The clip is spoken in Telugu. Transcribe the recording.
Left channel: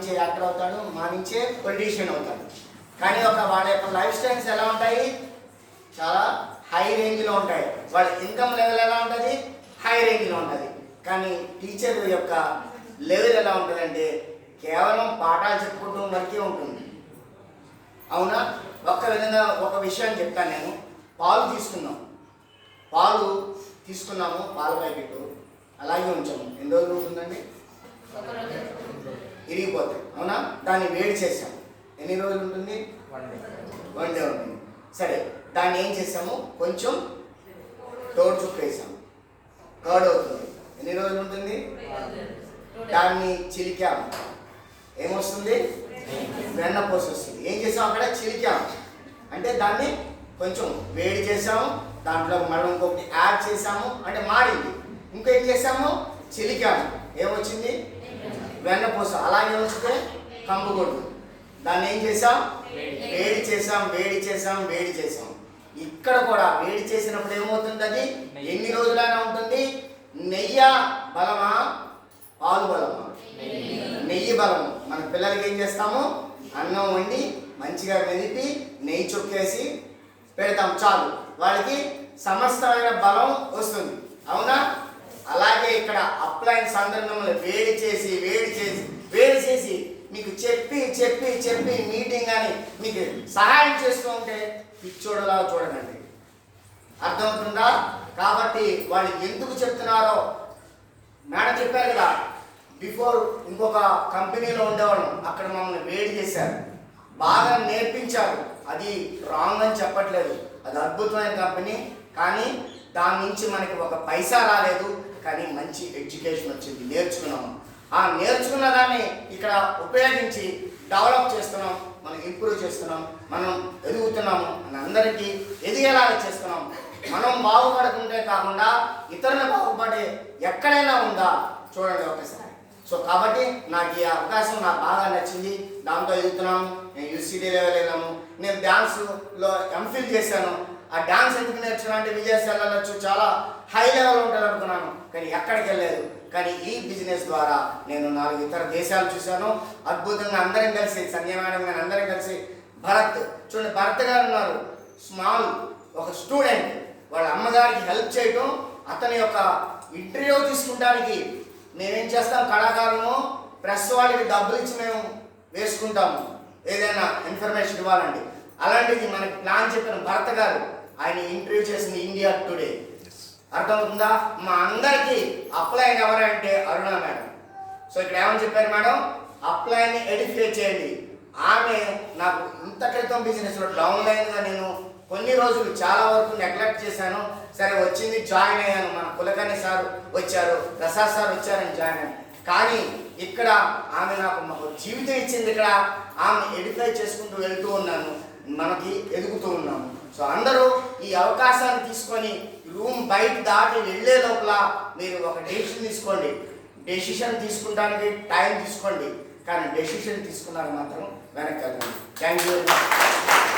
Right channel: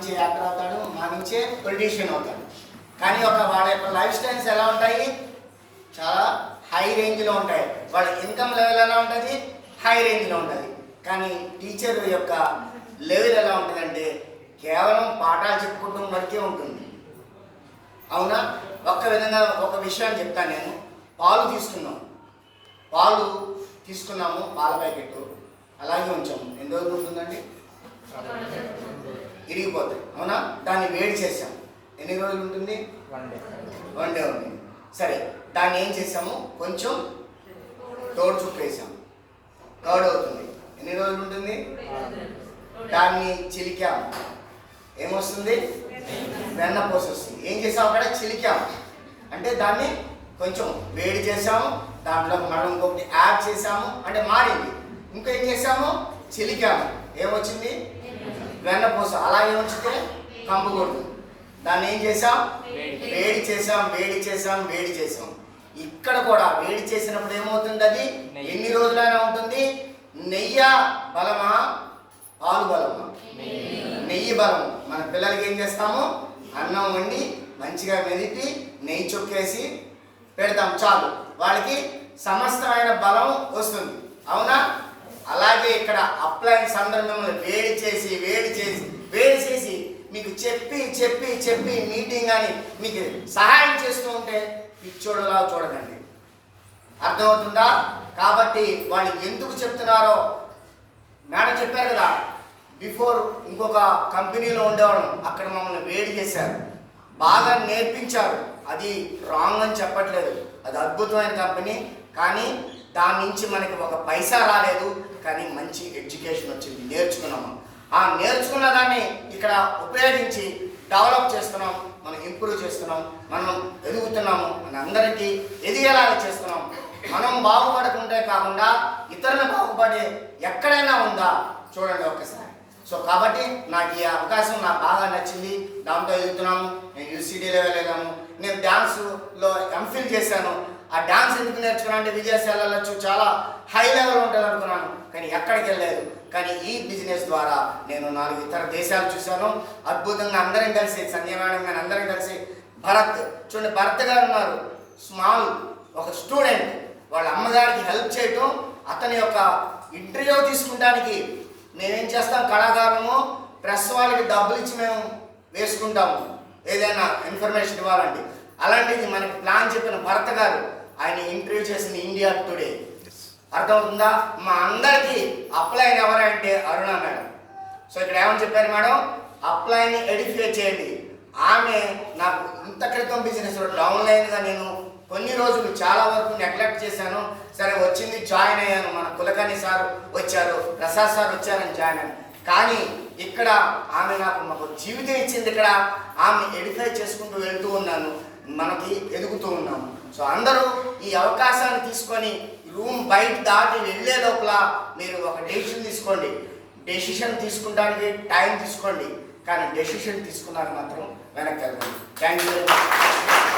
నుంచే యాక్టర్ అవుతాడు, మా నుంచే పొలిటీషియన్ అవుతాడు. కానీ వాళ్ళ యొక్క లైఫ్ స్టైల్స్ ఎలా ఉంటాయి? చాలా హై రేంజ్లో ఉంటాయి. వాళ్ళ ఇన్కమ్ లెవెల్ ఎలా ఉంటుంది? హై రేంజ్లో ఉంటుంది. కానీ టీచర్ యొక్క లెవెల్ ఎలా ఉంటుందంటే కేవలం పాఠాలు చెప్పుకోవడం వరకే ఉంటుంది. అవునా? ఒక్క విధంగా ఒక విషయాన్ని చెప్తాను నేను. పాలు తీసుకున్నాము, పాల ప్యాకెట్ అలాగే ఉంచాము. ఎన్ని రోజులు ఉంటుందండి? ఇరిగిపోతాయి. అవునా? దాన్ని వేడి చేసాము. ఎన్ని రోజులు ఉంటుంది? 1 డే ఉంటుంది. సరే, దాన్ని ఏం చేసాము? కొంచెం తోడు చుక్క వేసాము, కర్డ్ అవుతుంది. ఎన్ని రోజులు ఉంటుంది? దాన్ని చిలికాము, ఏమొస్తుంది? వెన్నపూస వస్తుంది. ఏం చేసాము? అక్కడ చిలికాము అంటే దాన్ని కొంచెం వేడి చేసాము, దాంట్లో మనం ఇంకొకటి యాడ్ చేసాము అంటే మారింది. ఇంకా ఏం చేసాము? చిలికాము, ఏమొచ్చింది? వెన్నపూస. అలాగే ఉంచితే కంపు కొడుతుంది. దాన్ని ఏం చేసాం? వేడి చేసాం. ఇక్కడ కూడా వేడి చేసినప్పుడు ఏమవుతుంది? అది ఎన్ని రోజులైనా ఉంటుంది? నెయ్యి బలమా, పాలు బలమా? నెయ్యి బలము. మన పిల్లలకి ఏం చేస్తాము? అన్నం వండి మంచిగా మెదిపి నెయ్యి చొక్కేసి పెడతాం, చాలు, వాళ్ళకి సమస్తమైన బలం వస్తుంది. అవునా? అలాగే ఇక్కడ అప్లయన్స్ అందరూ మిమ్మల్ని వేడి చేసి మీకు చెప్పి మీటింగ్ అని మీకు సహాయం చేస్తూ ఉంటే పిచ్చోడులా చూడకండి. అర్థమవుతుందా? కాబట్టి వాళ్ళు ఎందుకు చెప్తున్నారో మేడం చెప్పారు కదా, బిఫోర్ ఇంకొక కంపెనీలో ఉండేవాళ్ళం, అక్కడ మమ్మల్ని వేడి చేశారు, బాగా నేర్పించారు. అది రాంగ్ అని చెప్పట్లేదు, అది అద్భుతమైన కంపెనీ. కానీ దాని నుంచి మనకి ఒక పైసా రాలేదు, కానీ మంచి ఎడ్యుకేషన్ వచ్చింది, నేర్చుకున్నాము. ఆ నేర్చుకున్న దాన్ని ఇక్కడ ఉపయోగించి డెవలప్ చేస్తున్నాం, మనం ఇంప్రూవ్ చేస్తున్నాం, మనం ఎదుగుతున్నాము, మన అందరికీ ఎదిగేలాగా చేస్తున్నాం. మనం బాగుపడకుంటే కాకుండా ఇతరులు బాగుపడే ఎక్కడైనా ఉందా చూడండి ఒకసారి. సో కాబట్టి నాకు ఈ అవకాశం నాకు బాగా నచ్చింది, దాంతో ఎదుగుతున్నాము. నేను యూసీడీ లెవెల్ వెళ్ళాము, నేను డ్యాన్స్లో ఎంఫిల్ చేశాను. ఆ డ్యాన్స్ ఎందుకు నేర్చుకున్నా అంటే విదేశాలు వెళ్ళచ్చు, చాలా హై లెవెల్ ఉంటుంది అనుకున్నాను, కానీ ఎక్కడికి వెళ్ళలేదు. కానీ ఈ బిజినెస్ ద్వారా నేను 4 ఇతర దేశాలు చూశాను. అద్భుతంగా అందరం కలిసి, సంధ్య మేడం గారు అందరం కలిసి, భరత్ చూడండి, భరత్ గారు ఉన్నారు, స్మాల్ ఒక స్టూడెంట్, వాళ్ళ అమ్మగారికి హెల్ప్ చేయటం, అతని యొక్క ఇంటర్వ్యూ తీసుకుంటానికి మేమేం చేస్తాం, కళాకారులము ప్రెస్ వాళ్ళకి డబ్బులు ఇచ్చి మేము వేసుకుంటాము ఏదైనా ఇన్ఫర్మేషన్ ఇవ్వాలండి. అలాంటిది మనకి ప్లాన్ చెప్పిన భరత్ గారు, ఆయన ఇంటర్వ్యూ చేసింది ఇండియా టుడే. అర్థమవుతుందా? మా అందరికీ అప్లైన్ ఎవరంటే అరుణ మేడం. సో ఇక్కడ ఏమని చెప్పారు మేడం? అప్లైన్ని ఎడిఫై చేయండి. ఆమె నాకు ఇంత క్రితం బిజినెస్లో డౌన్లైన్గా నేను కొన్ని రోజులు చాలా వరకు నెగ్లెక్ట్ చేశాను. సరే వచ్చింది, జాయిన్ అయ్యాను. మన కులకర్ణి సార్ వచ్చారు, ప్రసాద్ సార్ వచ్చారని జాయిన్ అయ్యాను. కానీ ఇక్కడ ఆమె మాకు జీవితం ఇచ్చింది. ఇక్కడ ఆమె ఎడిఫై చేసుకుంటూ వెళ్తూ ఉన్నాను, మనకి ఎదుగుతూ ఉన్నాము. సో అందరూ ఈ అవకాశాన్ని తీసుకొని రూమ్ బయట దాటి వెళ్ళే లోపల మీరు ఒక డెసిషన్ తీసుకోండి. డెసిషన్ తీసుకుంటానికి టైం తీసుకోండి, కానీ డెసిషన్ తీసుకున్నాక మాత్రం వెనక్కి వెళ్ళండి. Thank you very much.